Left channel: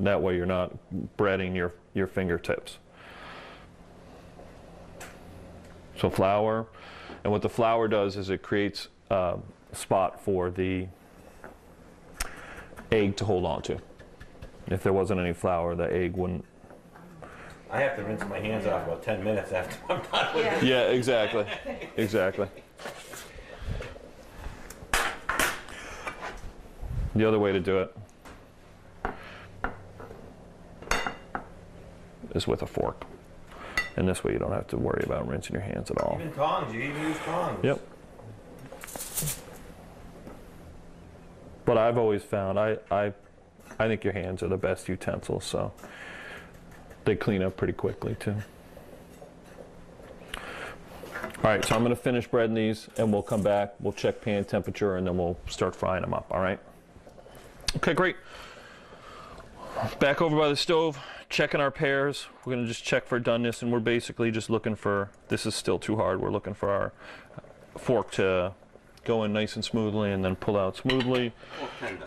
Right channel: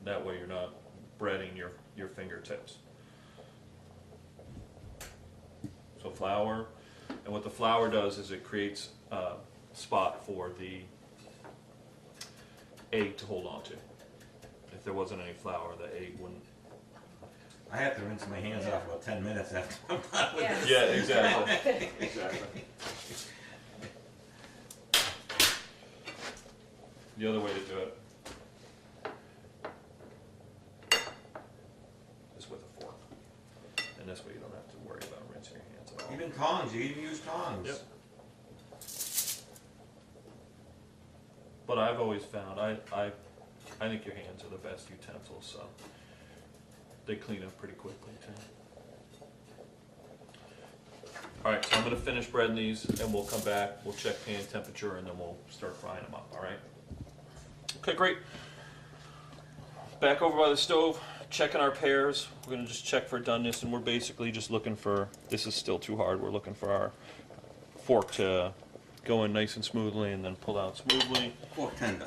That way you're not breading your fingertips. So flour, and what the flour does is it creates a spot for the egg to hold on to. If there wasn't any flour, the egg wouldn't. I have to rinse my hands off about 10 minutes after I'm done with it. Yeah, exactly. Exactly. The other way to do it is with a fork. And this way you don't have to worry about rinsing your hands at all. Even tongs, you even use tongs. Yep. But I've always found, I think your hands are the best utensils, so they clean up pretty quickly too. All right, so I'm gonna finish breading these and we'll come back, we'll check pan temperature and then we'll start frying them up, all right? Okay, great. Back over by the stove, checking our pears. We're gonna just check for doneness, and we're basically just looking for, this is still too hard, we're looking for our fork to go in nice and smoothly and then pull out smoothly. Fork tender.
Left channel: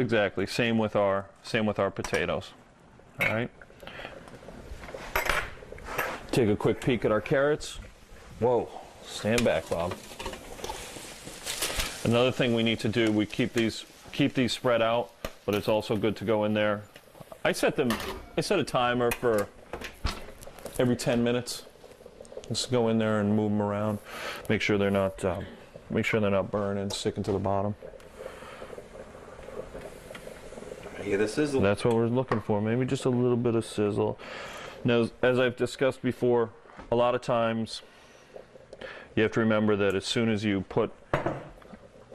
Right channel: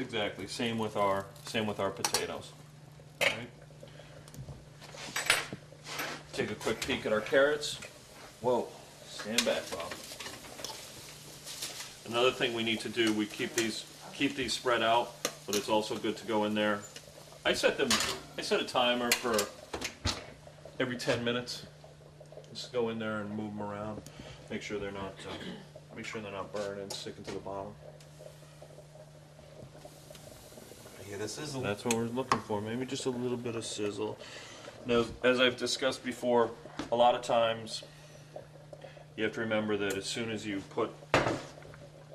Exactly, same with our potatoes, all right? Take a quick peek at our carrots. Whoa, stand back, Bob. Another thing we need to do, we keep these spread out, but it's also good to go in there. I set a timer for every 10 minutes. Just go in there and move them around. Make sure they're not burning, sticking to the bottom. I hear the sizzle. That's what we're looking for. Maybe just a little bit of sizzle. Now, as I've discussed before, a lot of times you have to remember that as soon as you put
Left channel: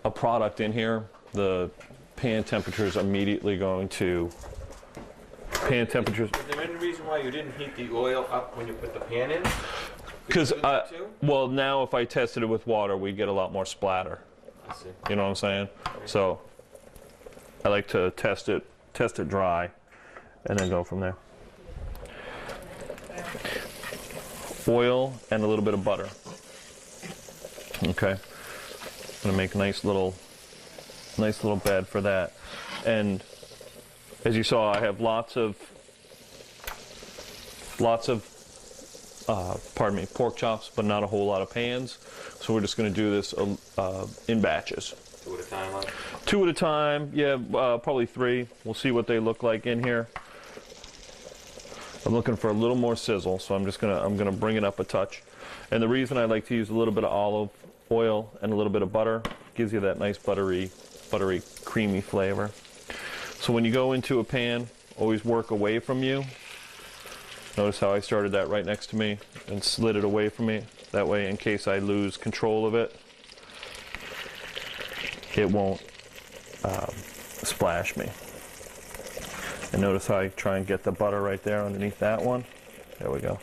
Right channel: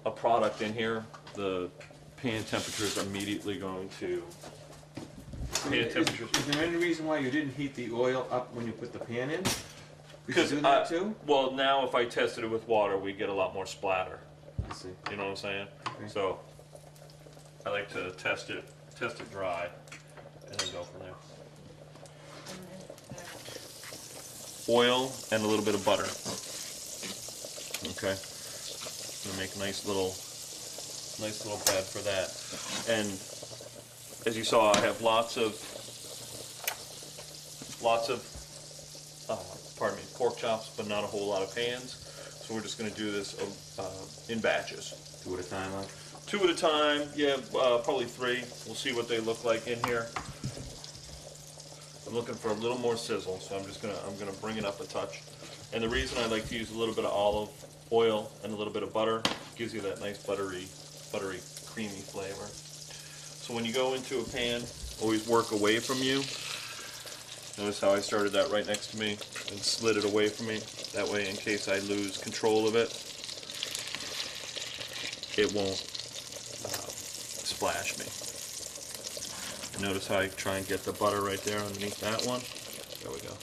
a product in here, the pan temperature is immediately going to. Pan temperatures. Is there any reason why you didn't heat the oil up when you put the pan in? Because well, now if I tested it with water, we get a lot more splatter. I see. You know what I'm saying? Okay. So I like to test it dry, and then go from there. Oil and a little bit of butter. Okay. I'm gonna make a nice little bed for that. And as you saw, I have lots of pork chops, but not a whole lot of pans. So we're just going to do this in batches. 2 at a time? 2 at a time, yeah, probably 3. We'll see what they look like in here. I'm looking for a little more sizzle, so I'm gonna bring it up a touch. And the reason I like to use a little bit of olive oil and a little bit of butter gives you that nice buttery, creamy flavor. So when you go into a pan, always work away from you. Notice how I started that right next to me and slid it away from me. That way, in case I lose control of it, it won't splash me. And notice how I try and get the butter right there underneath that one. There we go.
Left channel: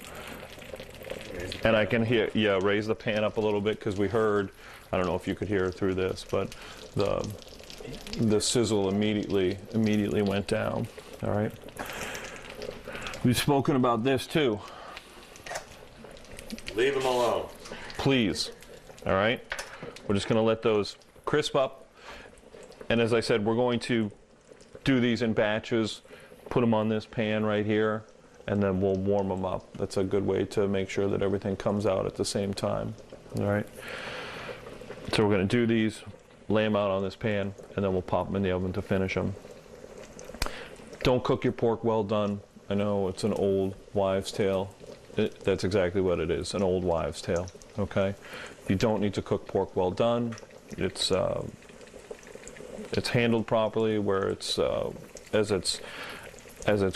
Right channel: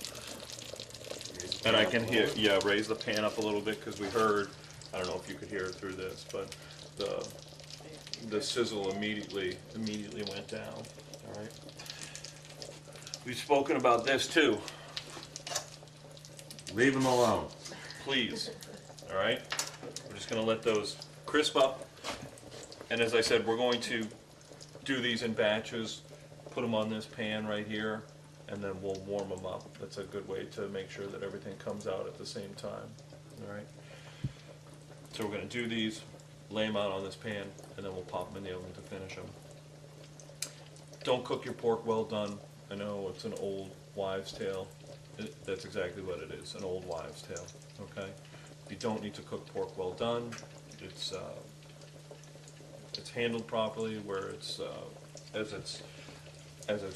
And I can hear, raise the pan up a little bit because we heard, I don't know if you could hear through this, but the sizzle immediately went down. All right. We've spoken about this too. Leave them alone. Please. All right. We're just going to let those crisp up. And as I said, we're going to do these in batches, put them on this pan right here, and then we'll warm them up. That's a good way to make sure that everything comes out at the same time. All right. So we're going to do these, lay them out on this pan, and then we'll pop them in the oven to finish them. Don't cook your pork well done. I know it's an old wives' tale. That's exactly what it is, an old wives' tale. Okay, you don't need to cook pork well done. It's handled properly, where it's as it's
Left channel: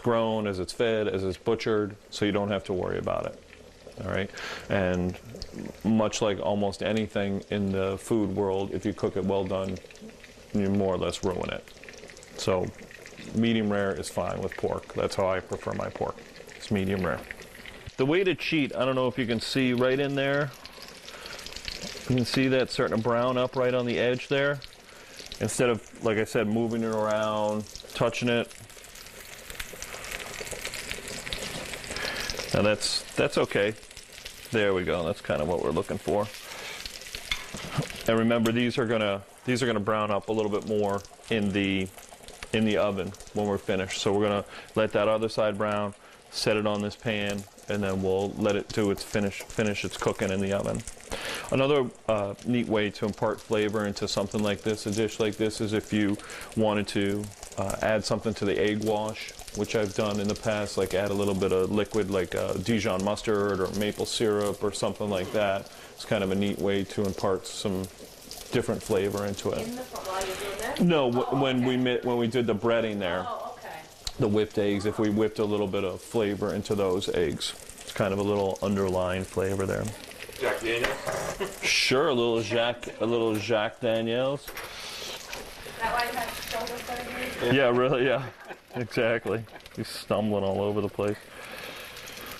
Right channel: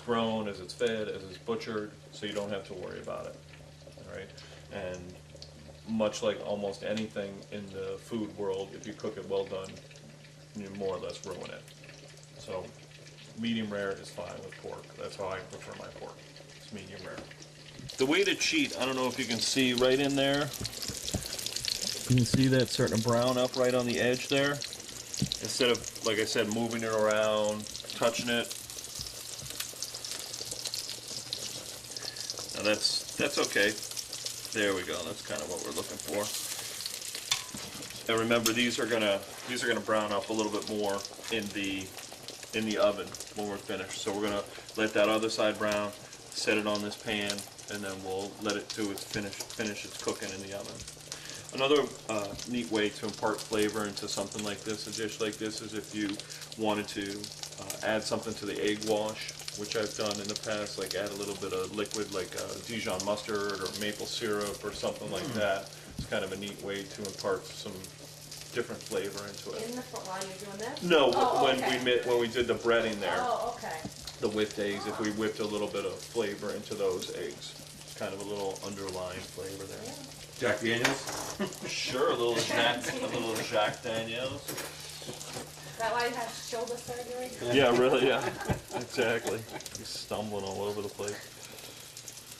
grown, as it's fed, as it's butchered, so you don't have to worry about it. All right, and much like almost anything in the food world, if you cook it well done, you more or less ruin it. So medium rare is fine with pork. That's how I prefer my pork. It's medium rare. The way to cheat, I don't know if you can see right in there. You can see that starting to brown up right on the edge there. Instead of, like I said, moving it around, touching it. Now that's okay. There we go. That's kind of what we're looking for. And remember, these are gonna brown up a little bit more in the in the oven when we're finished. So we're gonna let that other side brown, set it on this pan, and then we'll let it do its finish its cooking in the oven. Another neat way to impart flavor into something like this, a dish like this, is if you wanted to add something to the egg wash, which I've done in the past, like add a little bit of liquid like Dijon mustard or maple syrup or something like that. It's kind of a neat way to impart some different flavor into it. While you're doing that? No, when we did the breading there, Oh, okay. the whipped eggs, if we whipped a little bit of flavor into those eggs, it's kind of a little underlying flavor there. Jack Daniels? Sure, a little Jack Daniels. Is that why you had to show this right here? Yeah, really, yeah, exactly. He's stumbling all over the place.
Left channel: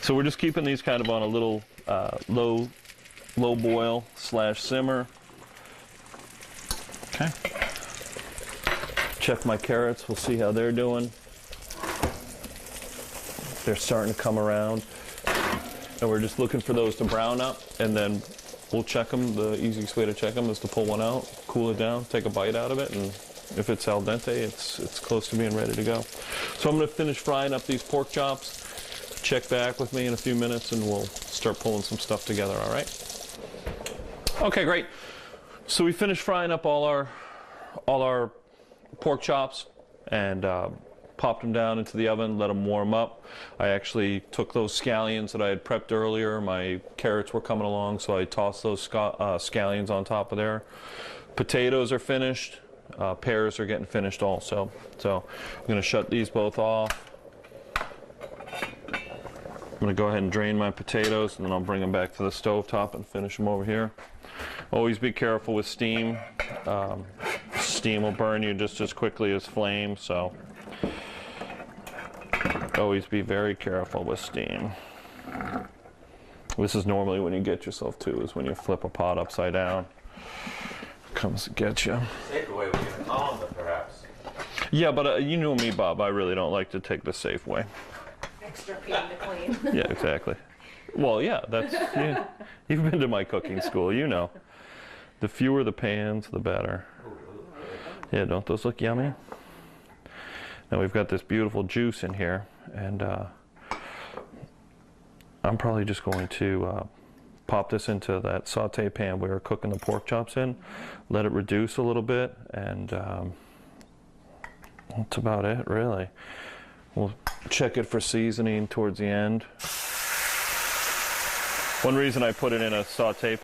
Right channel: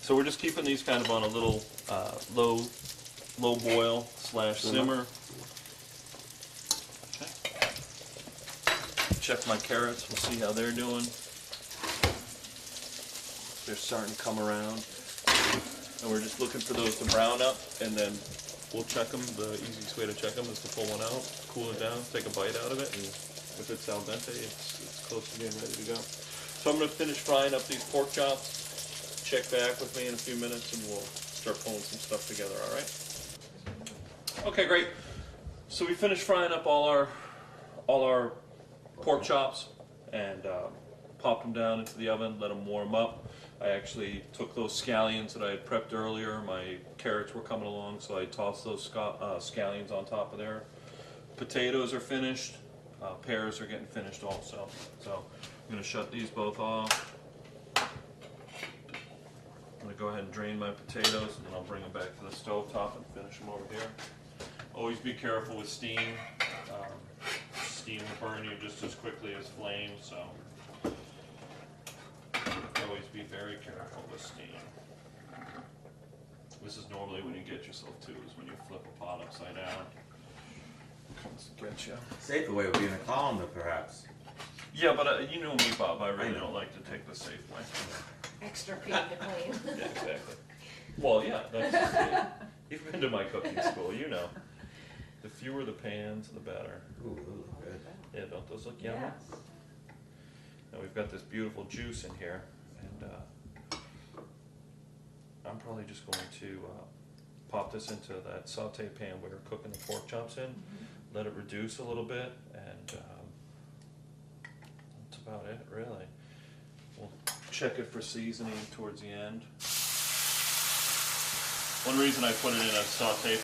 So we're just keeping these kind of on a little low boil / simmer. Okay. Check my carrots. We'll see how they're doing. They're starting to come around. And we're just looking for those to brown up, and then we'll check them. The easiest way to check them is to pull one out, cool it down, take a bite out of it, and if it's al dente, it's close to being ready to go. So I'm going to finish frying up these pork chops. Check back with me in a few minutes, and we'll start pulling some stuff together, all right? Okay, great. So we finished frying up all our pork chops and popped them down into the oven, let them warm up. I actually took those scallions that I had prepped earlier. My carrots were coming along, so I tossed those scallions on top of there. Potatoes are finished. Pears are getting finished also. So I'm going to shut these both off. I'm going to go ahead and drain my potatoes, and then I'll bring them back to the stove top and finish them over here. Always be careful with steam. Steam will burn you just as quickly as flame, so always be very careful with steam. This is normally when you get yourself to, is when you flip a pot upside down. Comes to get you. Safer way would be in the colander, perhaps. Yeah, but you know me, Bob. I really don't like to take the safe way. Extra clean to clean. Yeah, exactly. Well, yeah, yeah. You've been to my cooking school, you know. The fewer the pans, the better. Yeah, don't those look yummy? Now we've got this beautiful juice in here, and I'm probably just going to pop this into that saute pan we were cooking the pork chops in, let it reduce a little bit, and that's about it, really. We'll check it for seasoning towards the end. One reason I put it in a saute